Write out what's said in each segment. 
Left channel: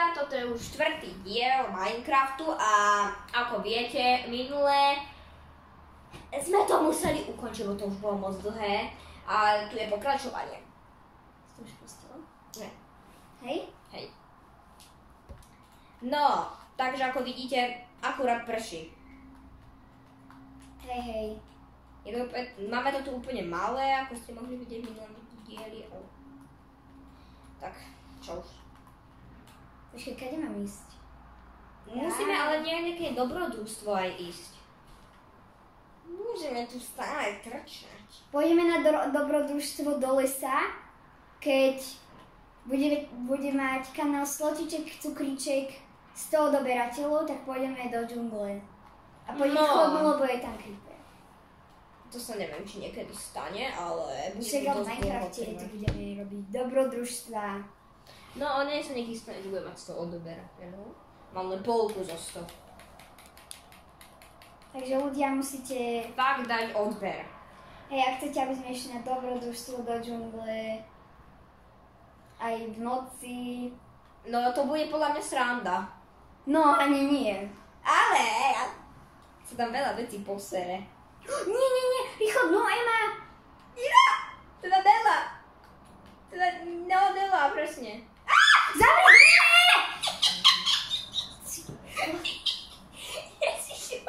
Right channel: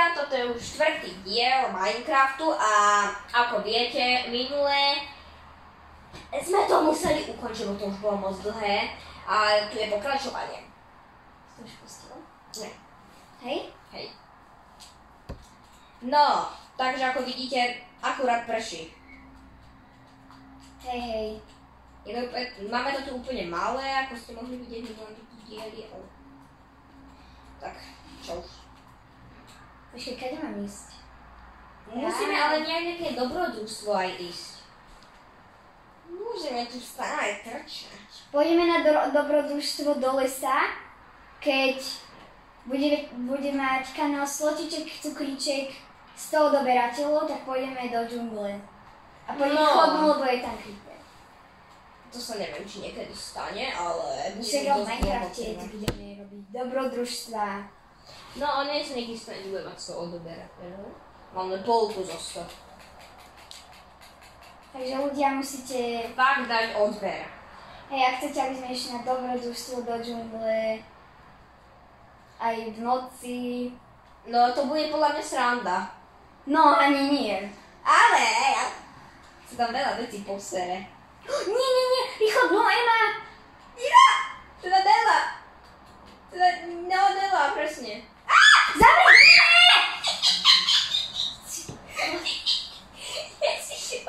teda, toto je už 4. diel Minecraftu a ako viete, minulé sme to museli ukončiť, bo to už bolo moc dlhé a tu je pokračovanie. Si už pustila? Nie. Hej? Hej. No, takže ako vidíte, akurát prší. Hej. Máme to tu úplne malé, ako ste mohli vidieť minulé diely, ale... Tak, čo už. Počkej, kade mám ísť? Musíme ale nejaké dobrodružstvo aj ísť. Môžeme tu stále trčať. Pôjdeme na dobrodružstvo do lesa, keď bude mať kanál Slotiček, Cukríček 100 odoberateľov, tak pôjdeme do džungle. A pôjdeme chodnú, lebo je tam creeper. To sa neviem, či niekedy stane, ale... Však v Minecrafte budeme robiť dobrodružstva. No, on nie sa nikdy stane, že bude mať 100 odoberateľov. Máme polku zo 100. Takže ľudia musíte... Fakt dať odber. Hej, ak chcete, aby sme išli na dobrodružstvo do džungle, aj v noci... No, to bude podľa mňa sranda. No, ani nie. Ale sa tam veľa vecí posere. Nie, východnú, Ema! Ja! Teda Bela! No, Bela, presne. Zavri!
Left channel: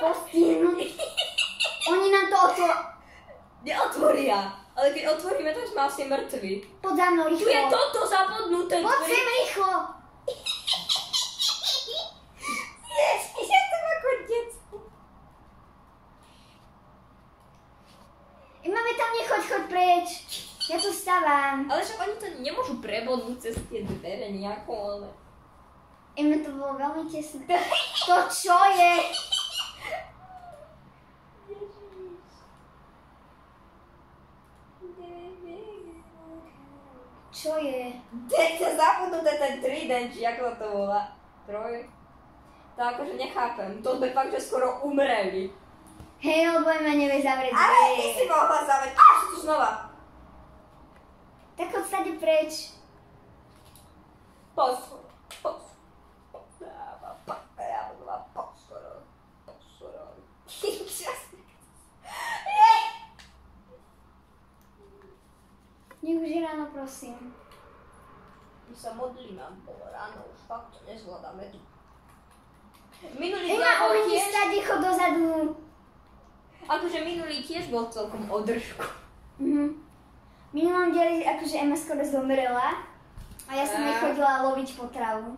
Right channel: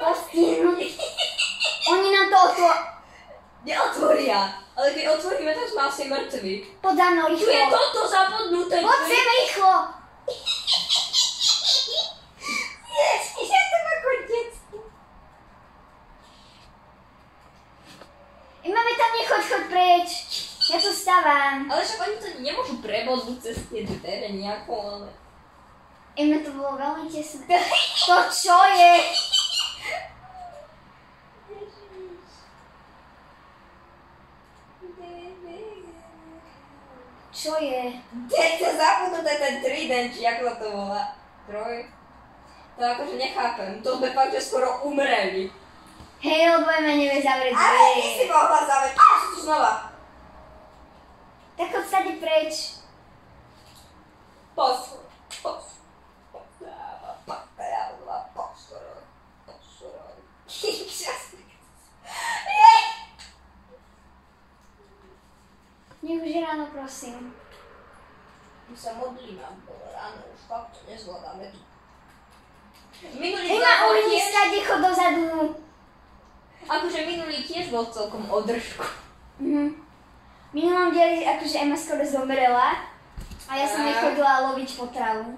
Postihnú. Oni nám to Neotvoria. Ale keď otvoríme, tak sme asi mŕtvi. Poď za mnou, Tu je rýchlo. toto zabudnuté. Poď sem, rýchlo. Ja som ako detstvo. Máme tam nechoď preč. Ja tu stávam. Ale však oni to nemôžu prebodnúť cez tie dvere nejako, ale... To bolo veľmi tesné. To čo je? Čo je? To zabudnuté ten trident, či ako to volá. Troj. To akože nechápem. To sme fakt, že skoro umreli. Hej, lebo Ema nevie zavrieť Ale dvere. ty si mohla zavrieť. Páš tu znova. Tak choď stade preč. Posor. Nech už je ráno, prosím. My sa modlíme, bo ráno už fakt to nezvládame tu. Minulý Ema, bol umí tiež, stade, chod dozadu. akože minulý tiež bol celkom o držku. V minulom dieli akože Ema skoro zomrela a ja som jej chodila loviť potravu.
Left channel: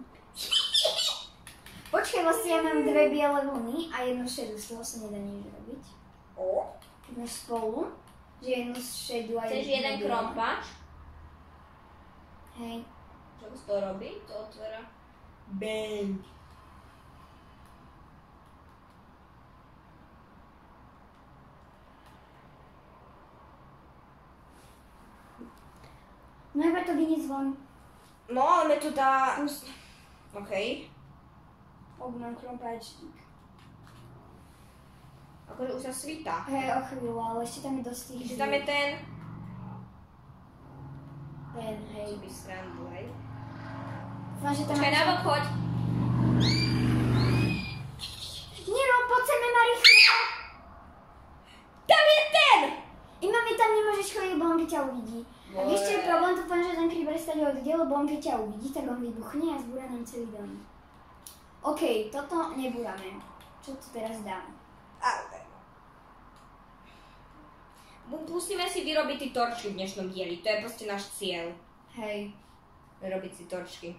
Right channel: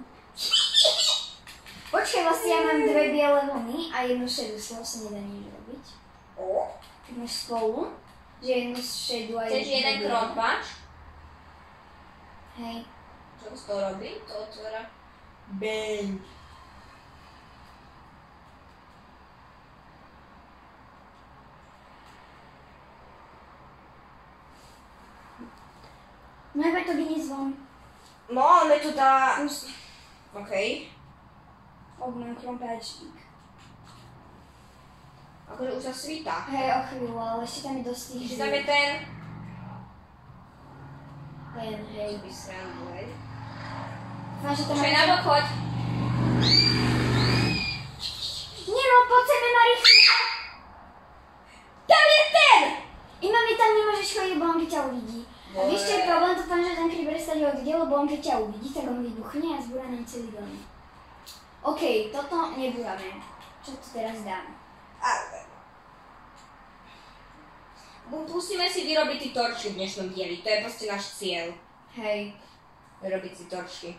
Počkaj, vlastne ja mám 2 biele vlny a jednu šedú, z toho sa nedá nič robiť. Keď máš spolu, že jednu šedú a Chceš jeden bielu. krompáč? Hej. Čo z toho robí? To otvára. Bang. Máme to vyniesť von. Máme tu tá... Okej. Mám krompáčik. Akože už sa svíta. Hej, o chvíľu, ale ešte tam je dosť tých Čiže tam je ten... Ten, hej. By srandu, hej. Dúfam, že tam Počkaj, na bok choď. Nero, poď sem, Ema, rýchlo! Tam je ten! Ema, mi tam nemôžeš chodiť, lebo on keď ťa uvidí. A vieš, čo je problém to tom, že ten creeper stade odíde, lebo on keď ťa uvidí, tak on vybuchne a zbúra nám celý dom. OK, toto nebúrame. Čo tu teraz dáme? Musíme si vyrobiť tie torčky v dnešnom dieli, to je proste náš cieľ. Hej. Vyrobiť si torčky.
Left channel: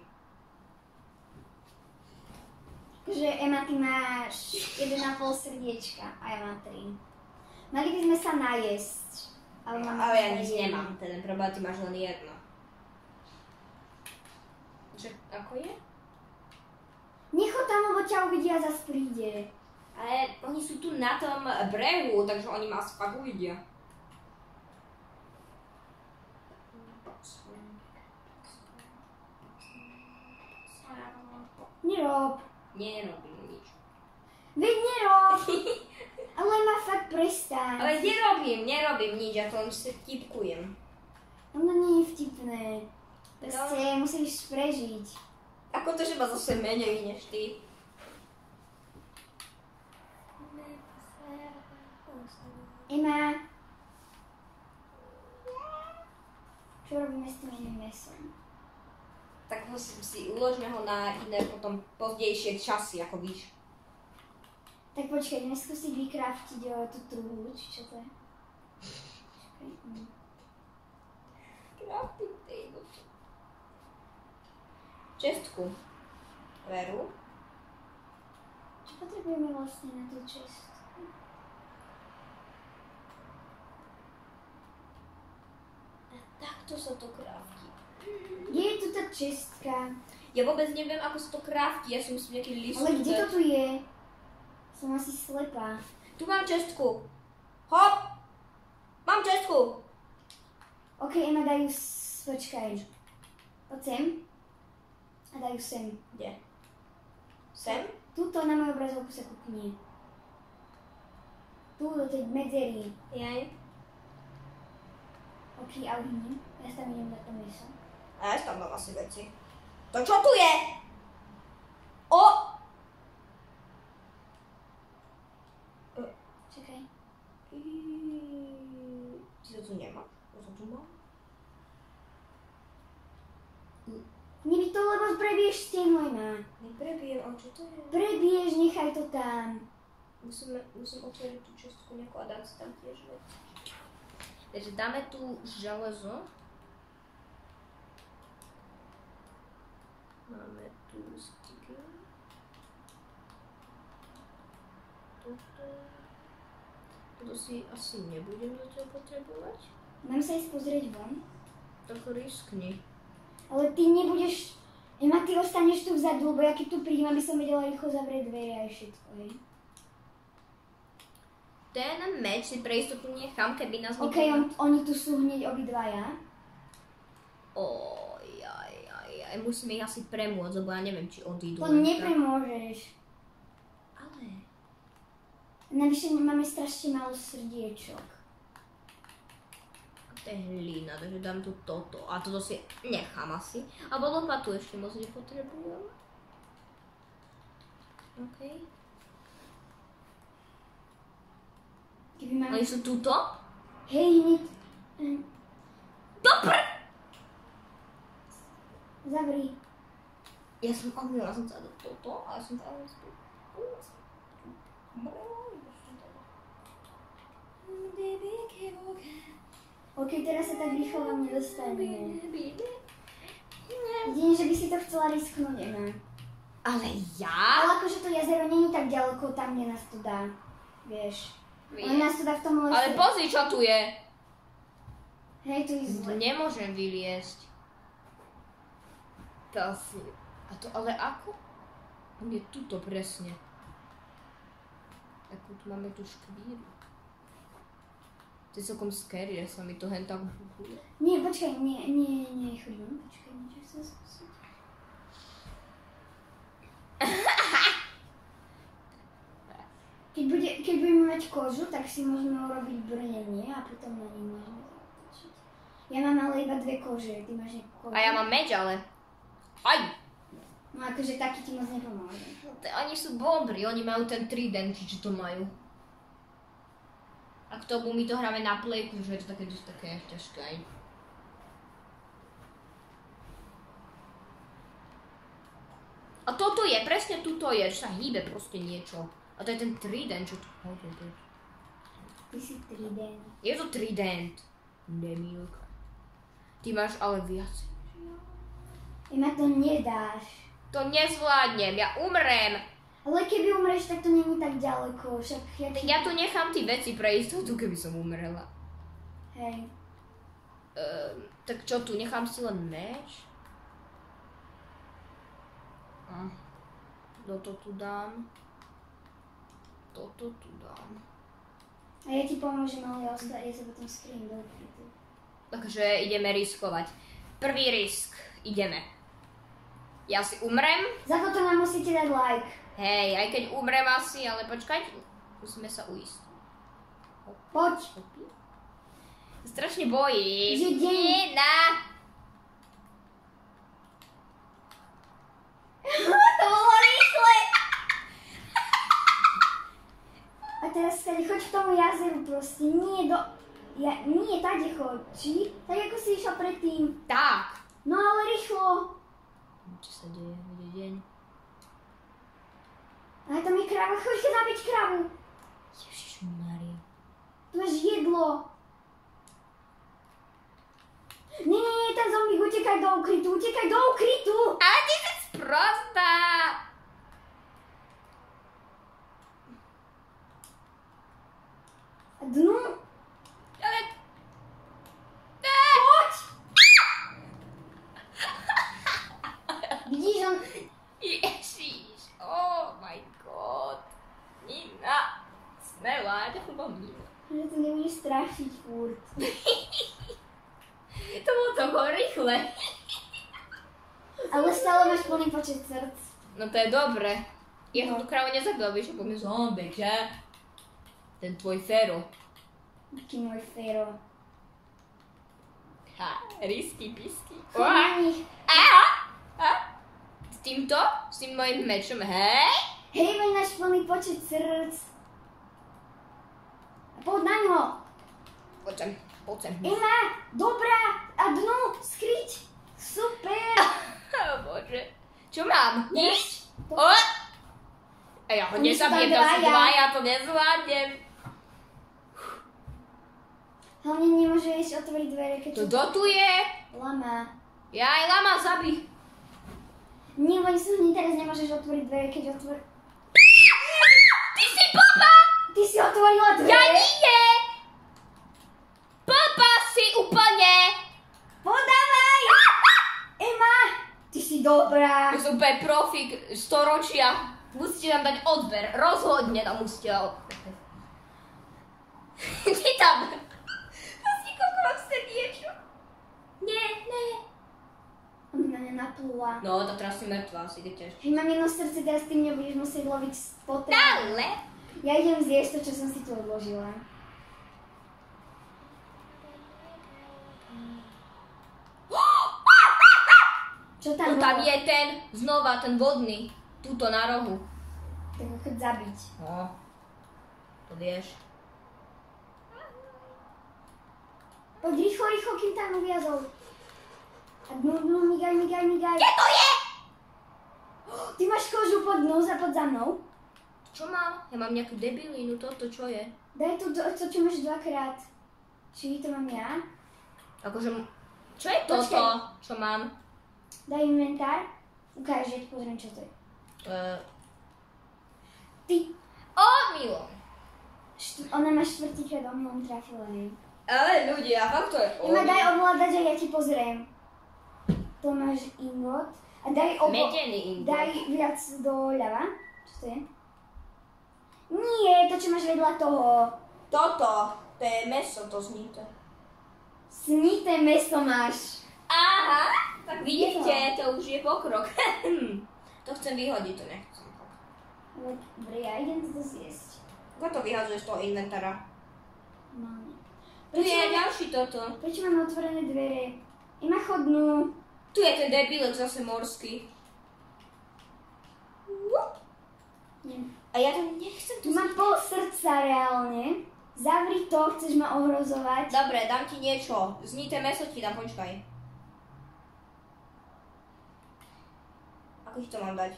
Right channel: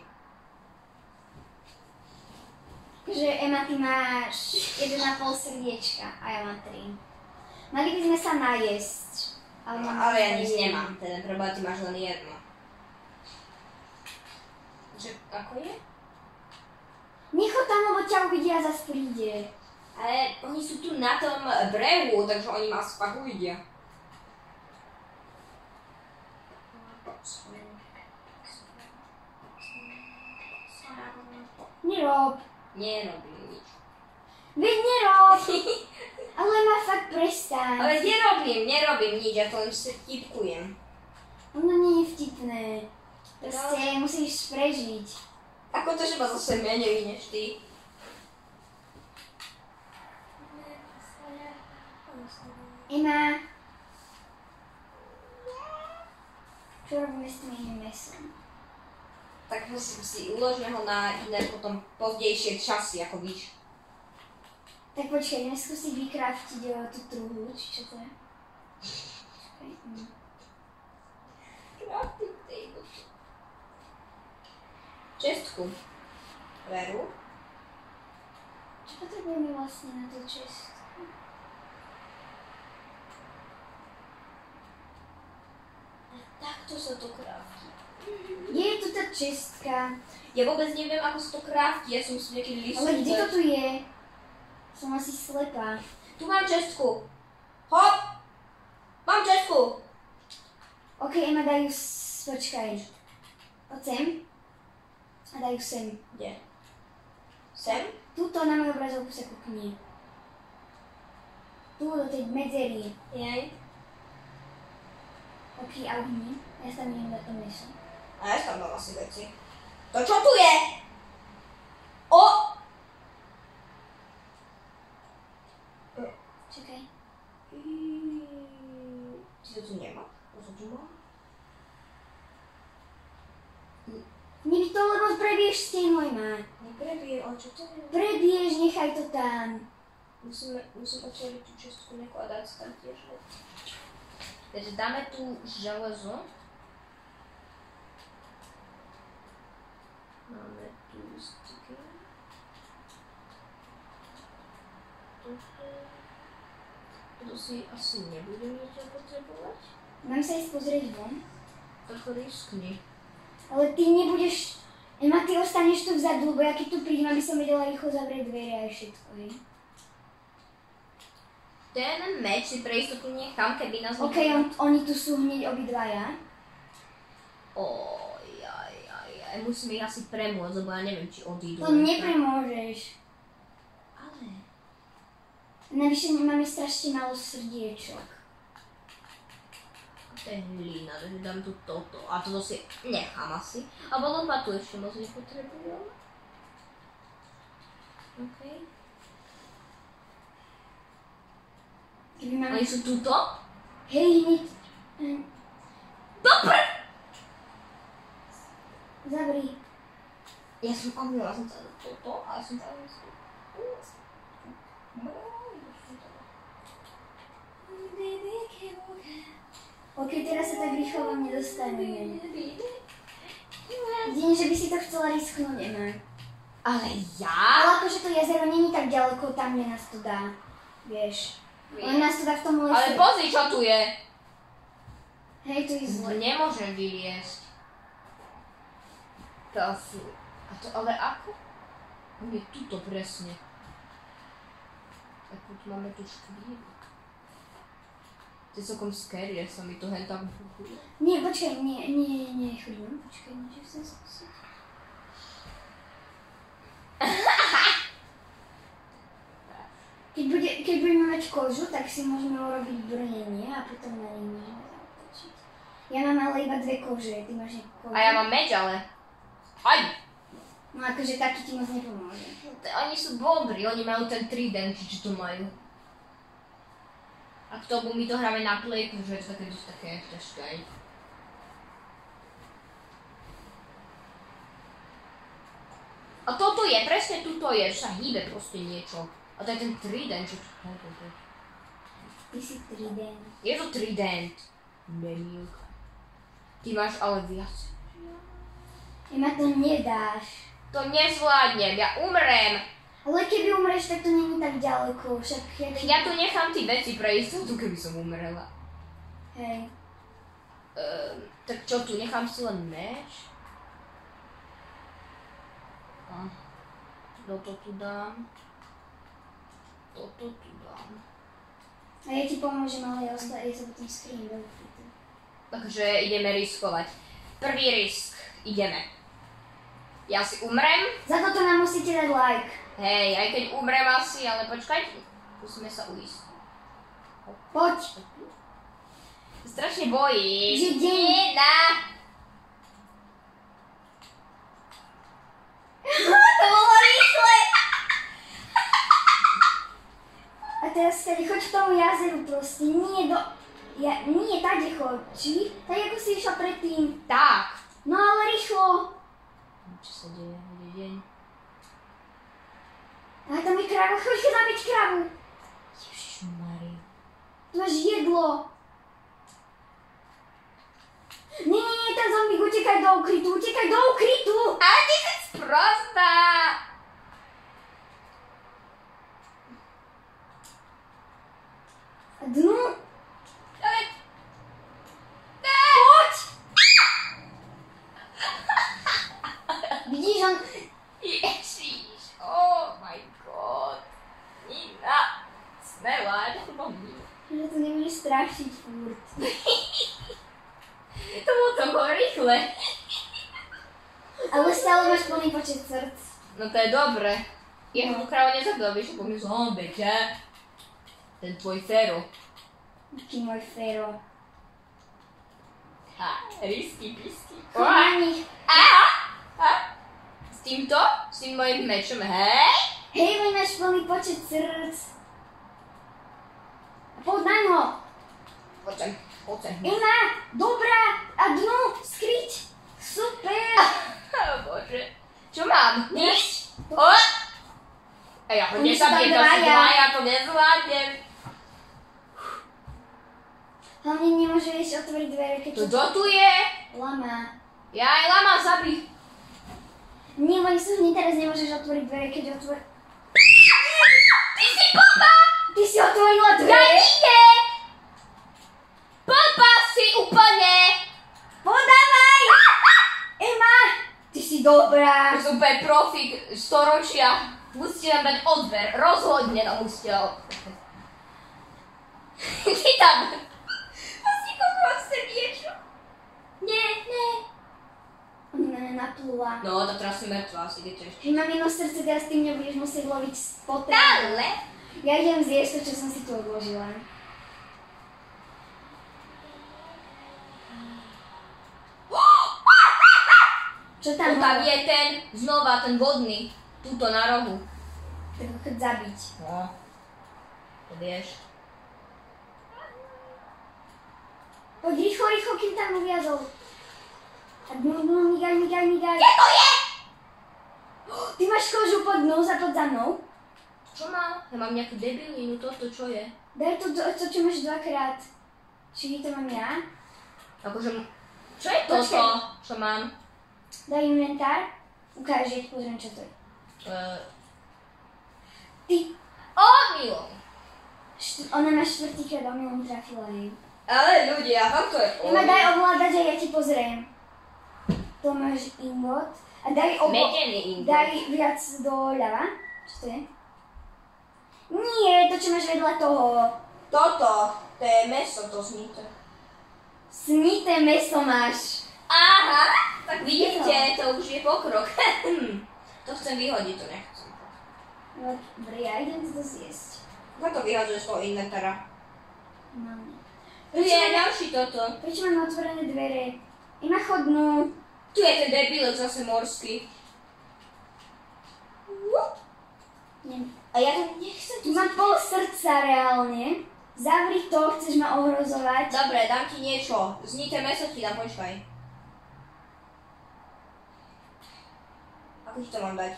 Takže Ema, ty máš 1,5 srdiečka a ja mám 3. Mali by sme sa najesť. Ale ja nič nemám, teda preboha, ty máš len jedno. Že, ako je? Nechoď tam, lebo ťa uvidia a zas príde. Ale oni sú tu na tom brehu, takže oni ma asi fakt uvidia. Nerob. Nerobím nič. Veď nerob. Ale ma fakt prestaň. Ale nerobím nič, ja to len vtipkujem. Ono nie je vtipné. Proste musíš prežiť. Ako to, že ma zase menej než ty? Ema. Čo robíme s tým iným mesom? Tak musím si uložme ho na iné potom pozdejšie časy, ako víš. Tak počkaj, ideme skúsiť vykraftiť tú truhlu, či čo to je? Crafting table. Čestku. Veru. Čo potrebujeme vlastne na tú čestku? Takto sa to kraftí. Je tu tá čestka. Ja vôbec neviem, ako sa to kraftí, ja som si niekedy listom. Ale kde to tu je? Som asi slepá. Tu mám čestku. Hop! Mám čestku. Ok, Ema, dajú počkaj. Poď sem. A dajú sem. Kde? Sem? Tuto na moju obrazovku sa kúkni. Tu do tej medzery. Jej. Ok, a uhni. Ja sa neviem dať to meso. A ja tam mám asi veci. To čo tu je? O! Čakaj. Ty to tu nemáš? To tu mám? Nech to, lebo prebiješ stenu, Ema. Neprebijem, ale čo to je? Prebiješ, nechaj to tam. Musím otvoriť tú čestku nekladať tam tiež veci. Takže dáme tu železo. Máme tu sticky. Toto si asi nebudem zatiaľ potrebovať. Mám sa ísť pozrieť von. Tak riskni. Ale ty nebudeš... Ema, ty ostaneš tu vzadu, lebo ja keď tu prídem, aby som vedela rýchlo zavrieť dvere a všetko, hej. Ten meč si pre istotu nechám, keby nás Ok, oni tu sú hneď obidvaja. Ojajajaj, musíme ich asi premôcť, lebo ja neviem, či odídu. To nepremôžeš. Ale... Navyše máme strašne málo srdiečok. To je hlína, takže dám tu toto. A toto si nechám asi. Alebo lopatu ešte moc nepotrebujem. OK. Keby máme... A sú tuto? Hej, hneď... Dobre! Zavri. Ja som omýla som sa do toto a ja som tam... Ok, teraz sa tak rýchlo vám nedostaneme. Jedine, že by si to chcela risknúť, Ema. Ale ja? Ale akože to jazero není tak ďaleko tam, kde nás to dá. Vieš. On nás to dá v tom lese. Ale pozri, čo tu je. Hej, tu je zle. Nemôžem vyliesť. To asi... A to ale ako? On je tuto presne. Ako tu máme tú škvíru. To je celkom scary, ja sa mi to hen tak buchuje. Nie, počkaj, nie, chvíľu. Počkaj, niečo chcem skúsiť. Keď budeme mať kožu, tak si môžeme urobiť brnenie a potom na nej môžeme zautočiť. Ja mám ale iba 2 kože, ty máš nejakú kožu. A ja mám meč, ale... Aj! No akože taký ti moc nepomôže. Oni sú dobrí, oni majú ten trident, či to majú. A k tomu my to hráme na playku, že je to také ťažké. A toto je, presne tuto je, že sa hýbe proste niečo. A to je ten trident, čo tu je. Ty si trident. Je to trident. Není. Ty máš ale viac. Ema, to nedáš. To nezvládnem, ja umrem. Ale keby umreš, tak to není tak ďaleko, však Ja tu nechám tie veci pre istotu, keby som umrela. Hej. Tak čo tu, nechám si len meč? Toto tu dám. Toto tu dám. A ja ti pomôžem, ale ja sa potom skriem do ukrytu. Takže ideme riskovať. Prvý risk, ideme. Ja si umrem. Za toto nám musíte dať like. Hej, aj keď umrem asi, ale počkaj, musíme sa uísť. Poď. Strašne bojíš. Že deň. Nie, na. tomu jazeru proste, nie do... nie, tady choď, či? Tak ako si išla predtým. Tak. No ale rýchlo. Čo sa deje? Bude deň. A tam je kráva, choď sa zabiť krávu. Ježišmarja. Tu máš jedlo. Nie, ten zombík, utekaj do ukrytu. Ale ty si sprostá. A dnu. Ale... Poď. Vidíš, on... Ježiš, oh my god. Nina, smelá, nebo nie? Že to nebude strašiť furt. To bolo toho rýchle. Ale stále máš plný počet srdc. No to je dobre. Ja som tu krávu nezabila, vieš, ako mi zombie, že? Ten tvoj Fero. Taký môj Fero. Ha, risky, pisky. Choď na nich. S týmto? S tým mojim mečom, hej? Hej, my máš plný počet srdc. A poď na ňo. Poďem. Ema, dobrá. A dnu, skryť. Super. Bože. Čo mám? Nič? To- A ja ho Oni sú tam nezabijem, to sú dvaja. dvaja, to nezvládnem. Hlavne nemôžeš otvoriť dvere, keď To tu je? lama. Ja aj lama zabí. Nie, oni sú hneď teraz nemôžeš otvoriť dvere, keď otvor... Ty si popa! Ty si otvorila Ja dvere? nie! Popa si úplne! Podávaj! Ema, ty si dobrá. To som úplne profík storočia. Musíte nám dať odber. Rozhodne nám musíte odber. Ty tam. Asi koľko ste niečo? Nie. Ona na mňa naplula. No, to teraz som mŕtva, asi idete ešte. Hej, mám jedno srdce, teraz ty mňa budeš musieť loviť spotem. Ale. Ja idem zjesť to, čo som si tu odložila. Čo tam Tam bolo? je ten, znova ten vodný. Tuto na rohu. Tak ho chod zabiť. No. To vieš. Poď rýchlo, kým tam uviazol. A dnu, migaj. Kde to je? Ty máš kožu pod mnou, poď za mnou. Čo mám? Ja mám nejakú debilinu, toto čo je? Daj to, čo máš dvakrát. Či to mám ja? Akože, čo je toto, Počkaj. čo mám? Daj inventár. Ukáž, ja ti pozriem, čo to je. Ty, Omylom. ona ma štvrtýkrát omylom trafila, hej. Ale ľudia, fakt to je Ima, daj ovládať a ja ti pozriem. Tu máš ingot. A daj Medený ingot. Daj viac doľava. Čo to je? Nie, to čo máš vedľa toho. Toto, to je meso, to znité. Snité meso máš. Aha, tak vidíte, to už je pokrok. To chcem vyhodiť, to nechcem. Dobre, ja idem to zjesť. Ako to vyhadzuješ z toho inventára? No. Tu je ďalší toto. Prečo mám otvorené dvere? Ima chodnú. Tu je ten debilek zase morský. Nie. A ja to nechcem. Tu mám pol srdca reálne. Zavri to, chceš ma ohrozovať. Dobre, dám ti niečo. Znité meso ti dám, počkaj. Ako ti to mám dať?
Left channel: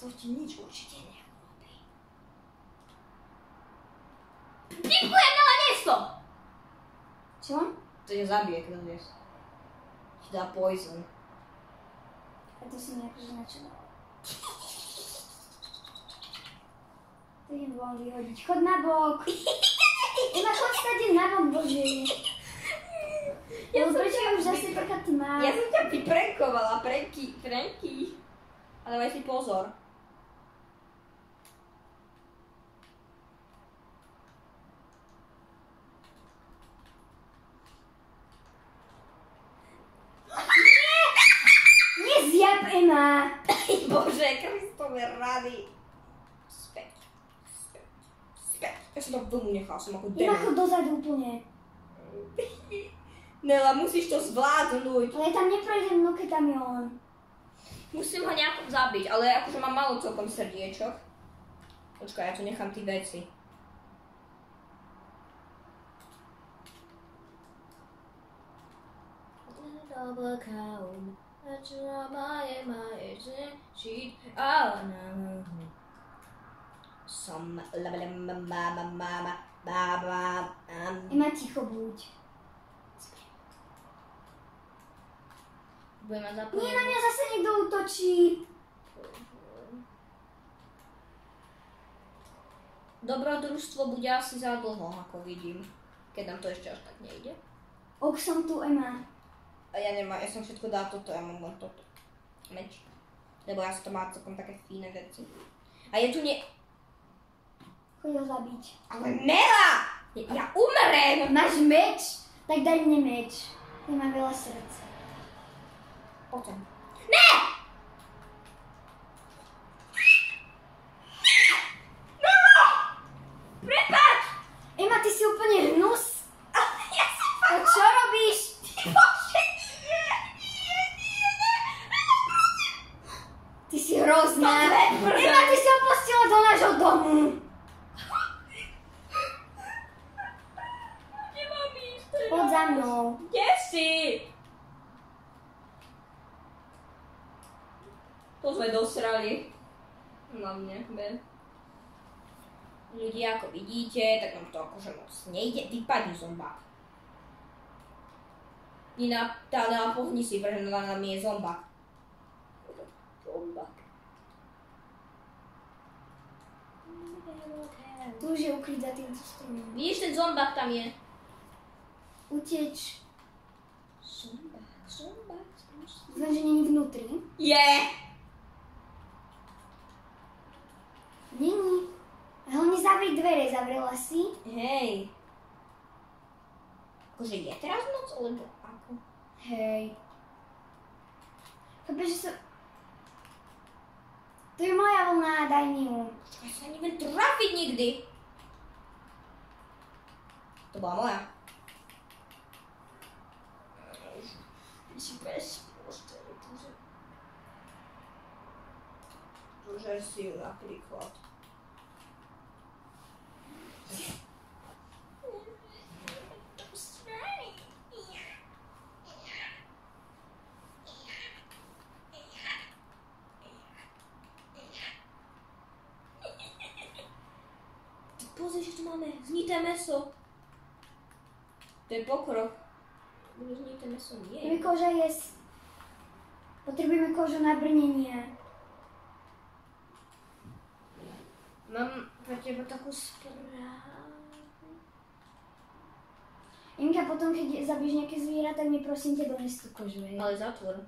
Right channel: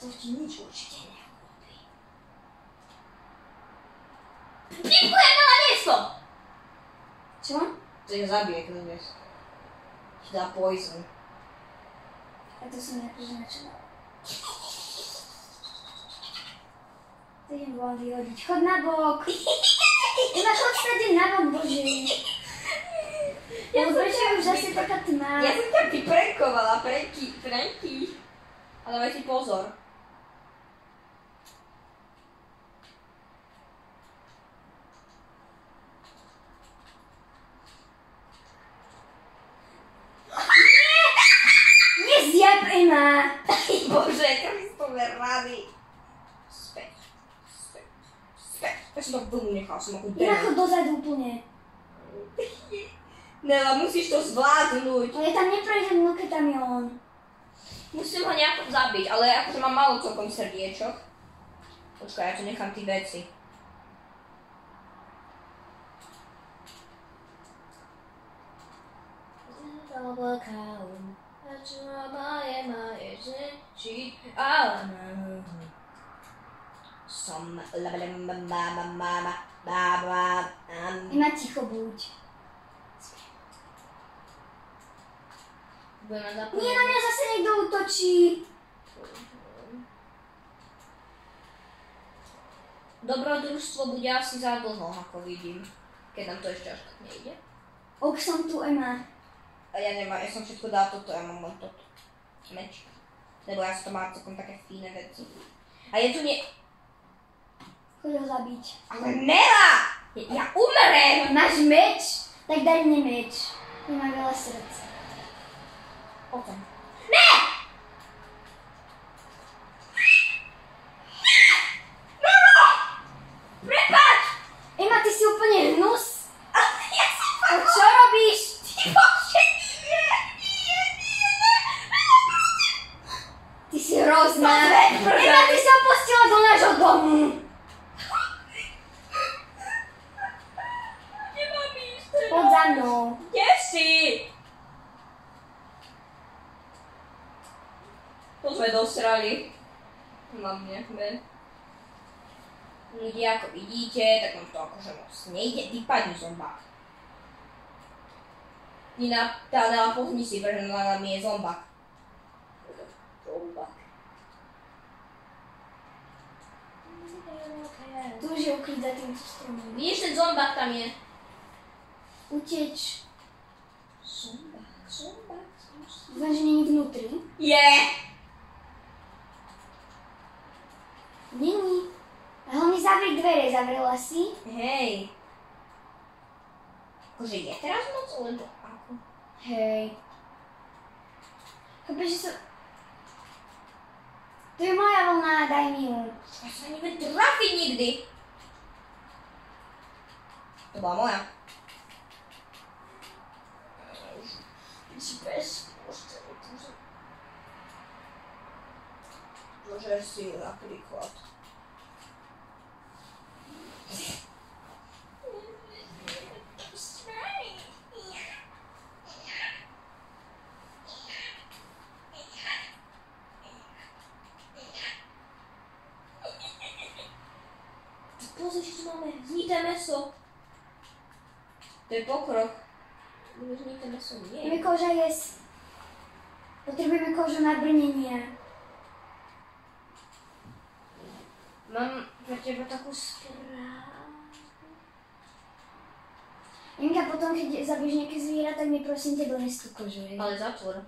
To ti nič určite neurobí. Pipujem na miesto! Čo? To je zabije, keď dnes. Ti dá poison. A to som akože načala. To je bol vyhodiť. Chod na bok. Iba chod stade na bok, bože. Ja prečo je už asi taká tma? Ja som ťa vyprenkovala, Franky. Ale dávaj si pozor. Nezjab, Ema. Bože, Kristove rady. Späť. Ja som to v domu nechal, som ako Iba demon. chod dozadu úplne. Nela, musíš to zvládnuť. Ale ja tam neprejdem, no keď tam je on. Musím ho nejako zabiť, ale akože mám málo celkom srdiečok. Počkaj, ja tu nechám tí veci. Ima ticho buď. Nie, na mňa zase niekto útočí. Dobrodružstvo bude asi za dlho, ako vidím. Keď nám to ešte až tak nejde. Ok, som tu, Ema. A ja nemám, ja som všetko dal toto, ja mám len toto. Meč. Lebo ja som to má celkom také fíne veci. A je tu Choď ho zabiť. Ale Nela! Ja umrem! Máš meč? Tak daj mne meč. On má veľa srdc. Potom. Ne! Nela! Prepáč! Ema, ty si úplne hnus. Ja som A čo robíš? Bože, nie! Ty si hrozná. Pozri, Ema, ty si opustila do nášho domu. Nemám ísť. Poď za mnou. Kde si? To sme dosrali. Hlavne, ľudia, ako vidíte, tak nám to akože moc nejde. Vypadni zombák. Nina, tá Nela, pohni si, pretože na mi je zombák. Zombák. Tu už je ukryť za týmto stromom. Vidíš, ten zombák tam je. Uteč. Zombák. Dúfam, že není vnútri. Je! Není. A hlavne zavri dvere, zavrela si. Hej. Akože je teraz moc, alebo ako? Hej. Chápeš, že som... To je moja vlna, daj mi ju. Ja sa neviem trafiť nikdy. To bola moja. Zožer si ju napríklad. Pozri, že tu máme znité meso. To je pokrok. Znité meso nie. Ideme koža jesť. Potrebujeme kožu na brnenie. Mám pre teba takú správu. Jenka, potom keď zabiješ nejaké zviera, tak mi prosím ťa dones tú kožu. Ale zatvor.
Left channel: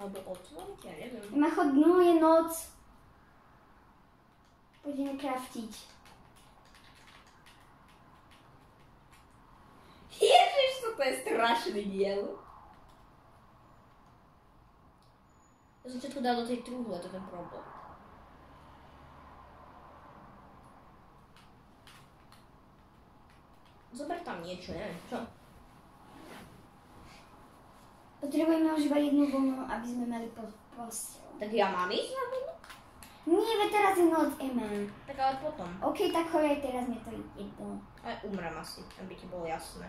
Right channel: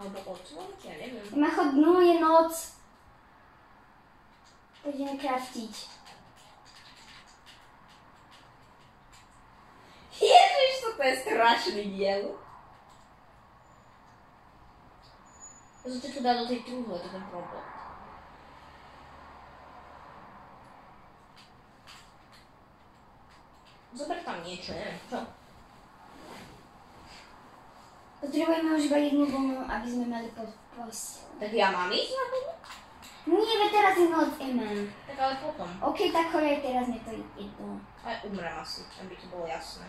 Alebo otvor, ja neviem. Ima chod dnu, je noc. Poďme kraftiť. Ježiš, to je strašný diel. Ja som všetko dal do tej trúhle, to je ten problém. Zober tam niečo, neviem čo. Potrebujeme už iba jednu vlnu, aby sme mali posteľ. Tak ja mám ísť na vodu? Nie, veď teraz je noc, Ema. Tak ale potom. OK, tak choď, teraz mi to jedno. Aj umrem asi, aby to bolo jasné.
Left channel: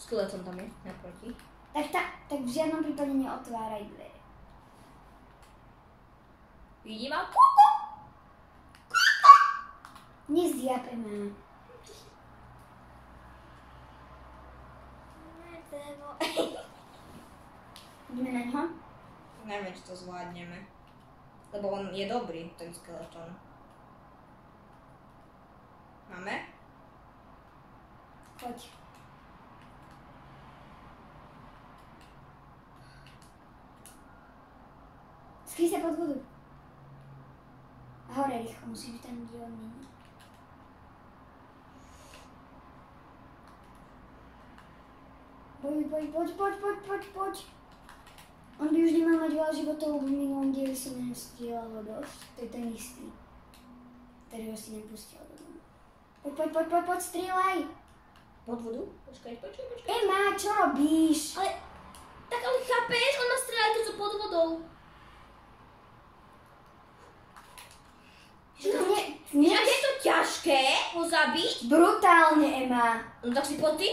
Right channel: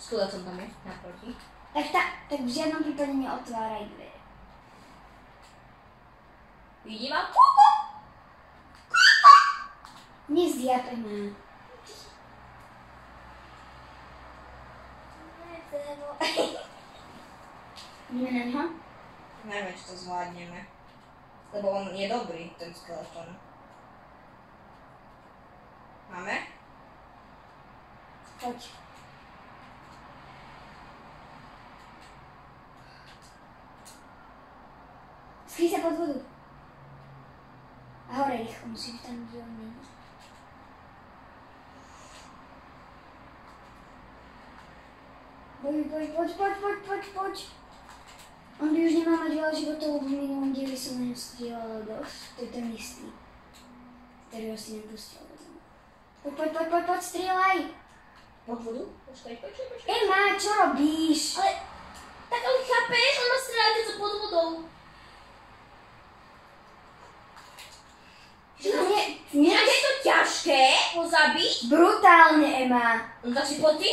Skeleton tam je, naproti. Tak v žiadnom prípade neotváraj dvere. Vidím ma? Nezdiap, Ema. Ideme na ňo? Neviem, či to zvládneme. Lebo on je dobrý, ten skeleton. Máme? Poď. Skryj sa pod vodu. A hore rýchlo, musíš tam, kde on není. Poď. On by už nemal mať veľa životov, lebo v minulom dieli som na ňu strieľala dosť. To je ten istý, ktorého si nepustil. Poď, strieľaj! Pod vodu? Počkaj. Ema, čo robíš? Ale chápeš, on ma strieľa, keď som pod vodou. brutálne, Ema. No tak si poď ty?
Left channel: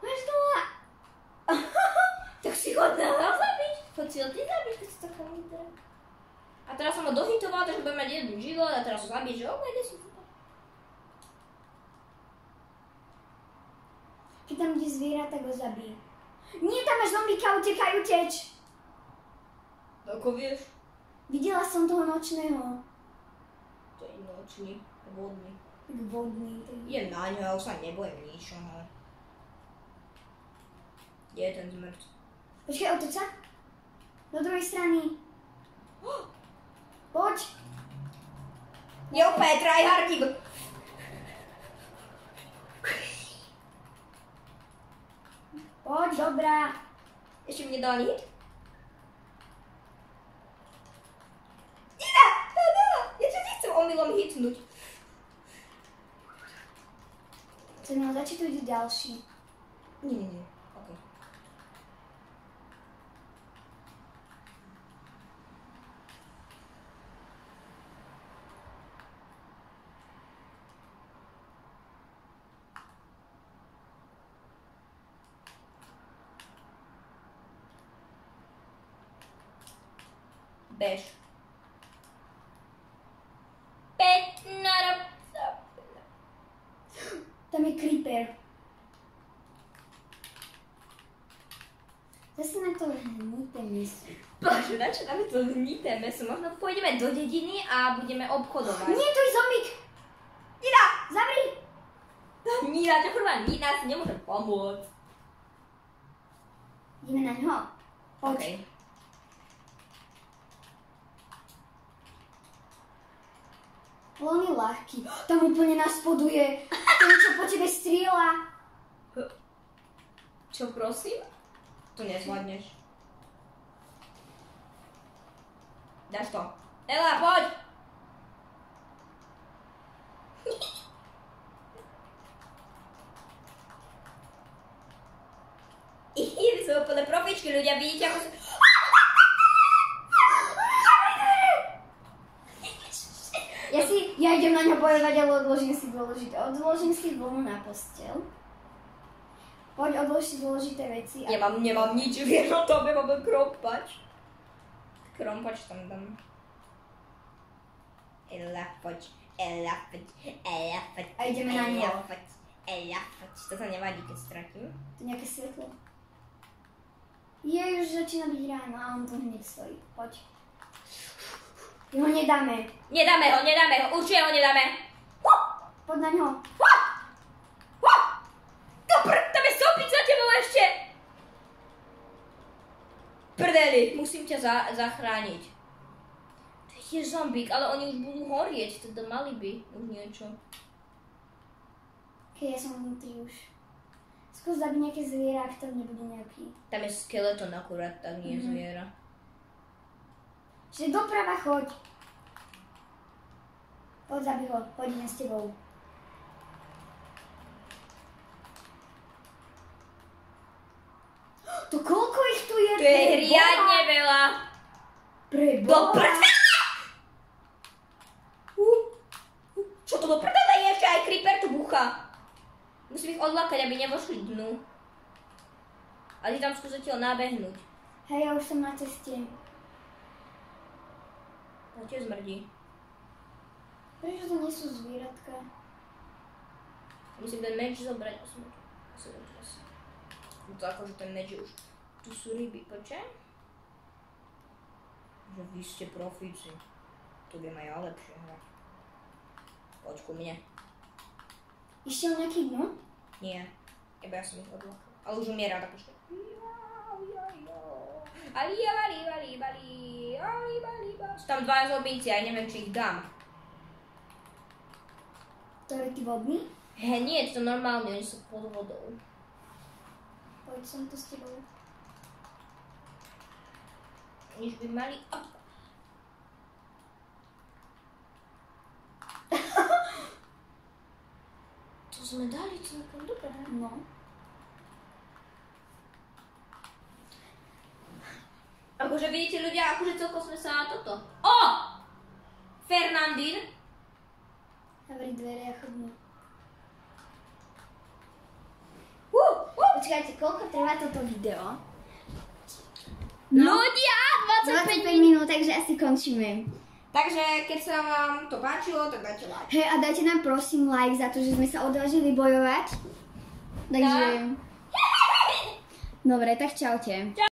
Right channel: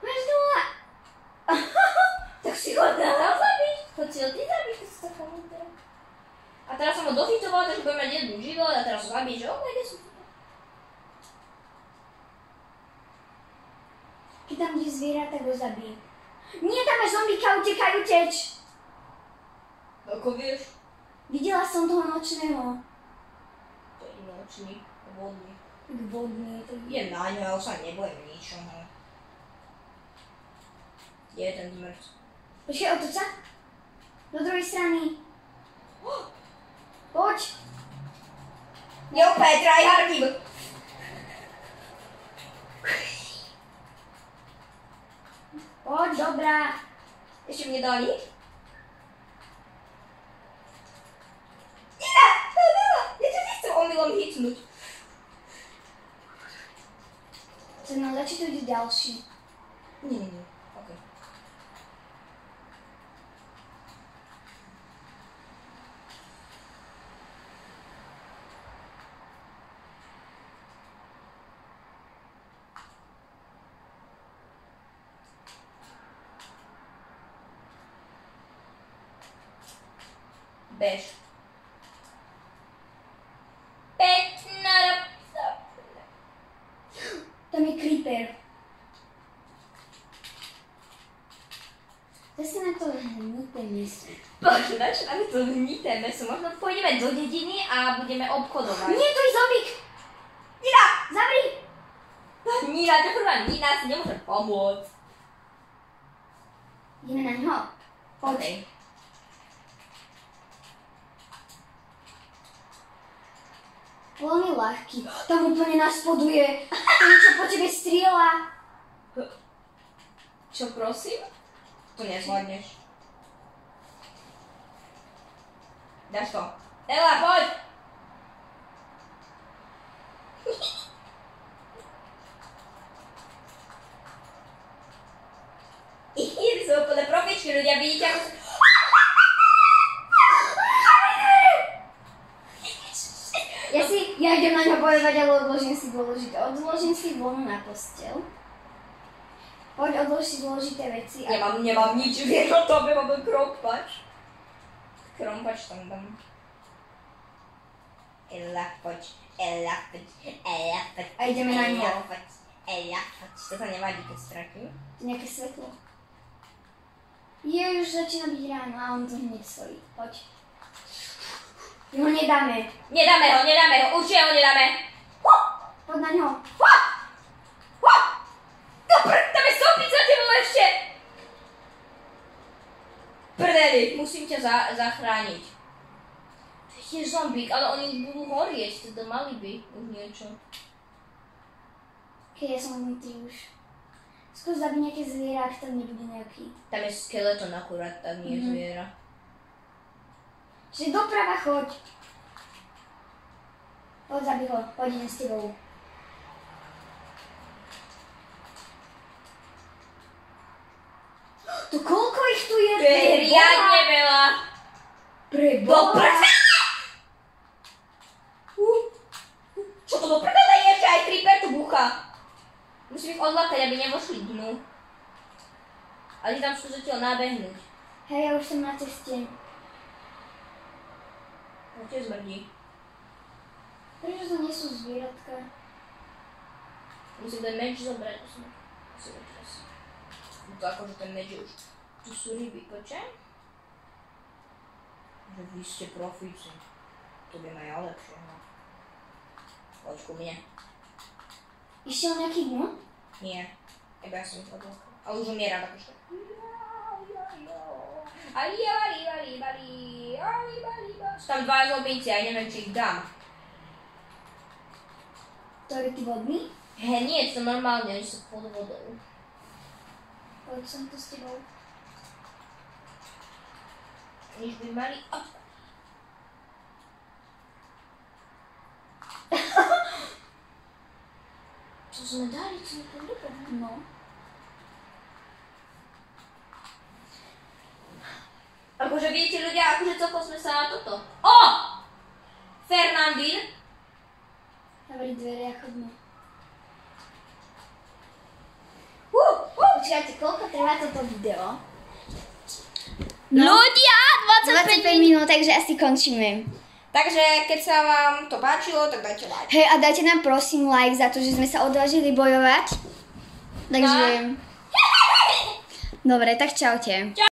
Máš dole. Tak si ho dal zabiť. Poď si ho ty zabiť, to si taká múdra. A teraz som ho dohitovala, takže budem mať jednu život a teraz ho zabiť, že okej, kde sú tu? Keď tam ide zviera, tak ho zabije. Nie, tam máš zombíka, utekaj, uteč. Ako vieš? Videla som toho nočného. To je nočný, vodný. Tak vodný. Je na ňo, sa nebojím ničoho. Kde je ten zmrť? Počkaj, otoč sa. Do druhej strany. Poď. Je úplne tryhardík. Poď, dobrá. Ešte mne dali? Ja ťa nechcem omylom hitnúť. Chcem nám začať, to ide ďalší. Nie. Okay. Bež. Tam je creeper. Zase na to hnité meso. Bože, na čo nám to hnité meso? Možno pôjdeme do dediny a budeme obchodovať. Nie, to je zombík. Nina! Zavri. Nina, to prvá Nina si nemôže pomôcť. Ideme na ňo. Poď. Okay. Veľmi ľahký. Tam úplne naspoduje. To niečo po tebe strieľa. Čo prosím? To nezvládneš. Dáš to. Ela, poď! Vy sú úplne profičky, ľudia, vidíte ako... Ja idem na ňo bojovať, ale odložím si vlnu na posteľ. Poď, odlož si dôležité veci. Nemám nič, vieš o tobe, mám krompač. Krompač tam dám. Ela, poď. A ideme na ňo. Ela, poď. To sa nevadí, keď stratím. To je nejaké svetlo. Už začína byť ráno a on tu hneď stojí. Poď. My ho nedáme. Nedáme ho, určite ho nedáme. Poď na ňo. Tam je stoupiť za tebou ešte. Prdeli, musím ťa zachrániť. To je tiež zombík, ale oni už budú horieť, teda mali by už niečo. Ja som vnútri už. Skús zabiť nejaké zviera, ak tam nebude nejaký. Tam je skeleton akurát, tam nie je zviera. Čiže doprava choď. Poď, zabij ho, poď, idem s tebou. To koľko ich tu je? To je riadne veľa. Do prdele! Čo to do prdele je, že aj creeper tu búcha? Musím ich odlákať, aby nevošli dnu. Ale tam sú zatiaľ nábehnúť. Hej, ja už som na ceste. No tiež zmrdí. Prečo to nie sú zvieratka? Musím ten meč zobrať. To akože ten meč už. Tu sú ryby, poďte? Že vy ste profíci. Tu by aj lepšie. Poď ku mne. Išiel nejaký dnu? Nie. Iba ja som ich odlákal. Ale už umieram, akože. Sú tam dva zombíci, ja neviem, či ich dám. To je ty vodný? Nie, to normálne, oni sú pod vodou. Poď som tu s tebou. Už by mali... Co sme dali, co mi tam dopadá? No. Akože vidíte ľudia, akože celko sme sa na toto. Fernandín. Zavri dvere a chodme. Počkajte, koľko trvá toto video? Ľudia, 25 minút, takže asi končíme. Takže keď sa vám to páčilo, tak dajte like. Hej, a dajte nám prosím like za to, že sme sa odvážili bojovať. Takže... Dobre, tak čaute.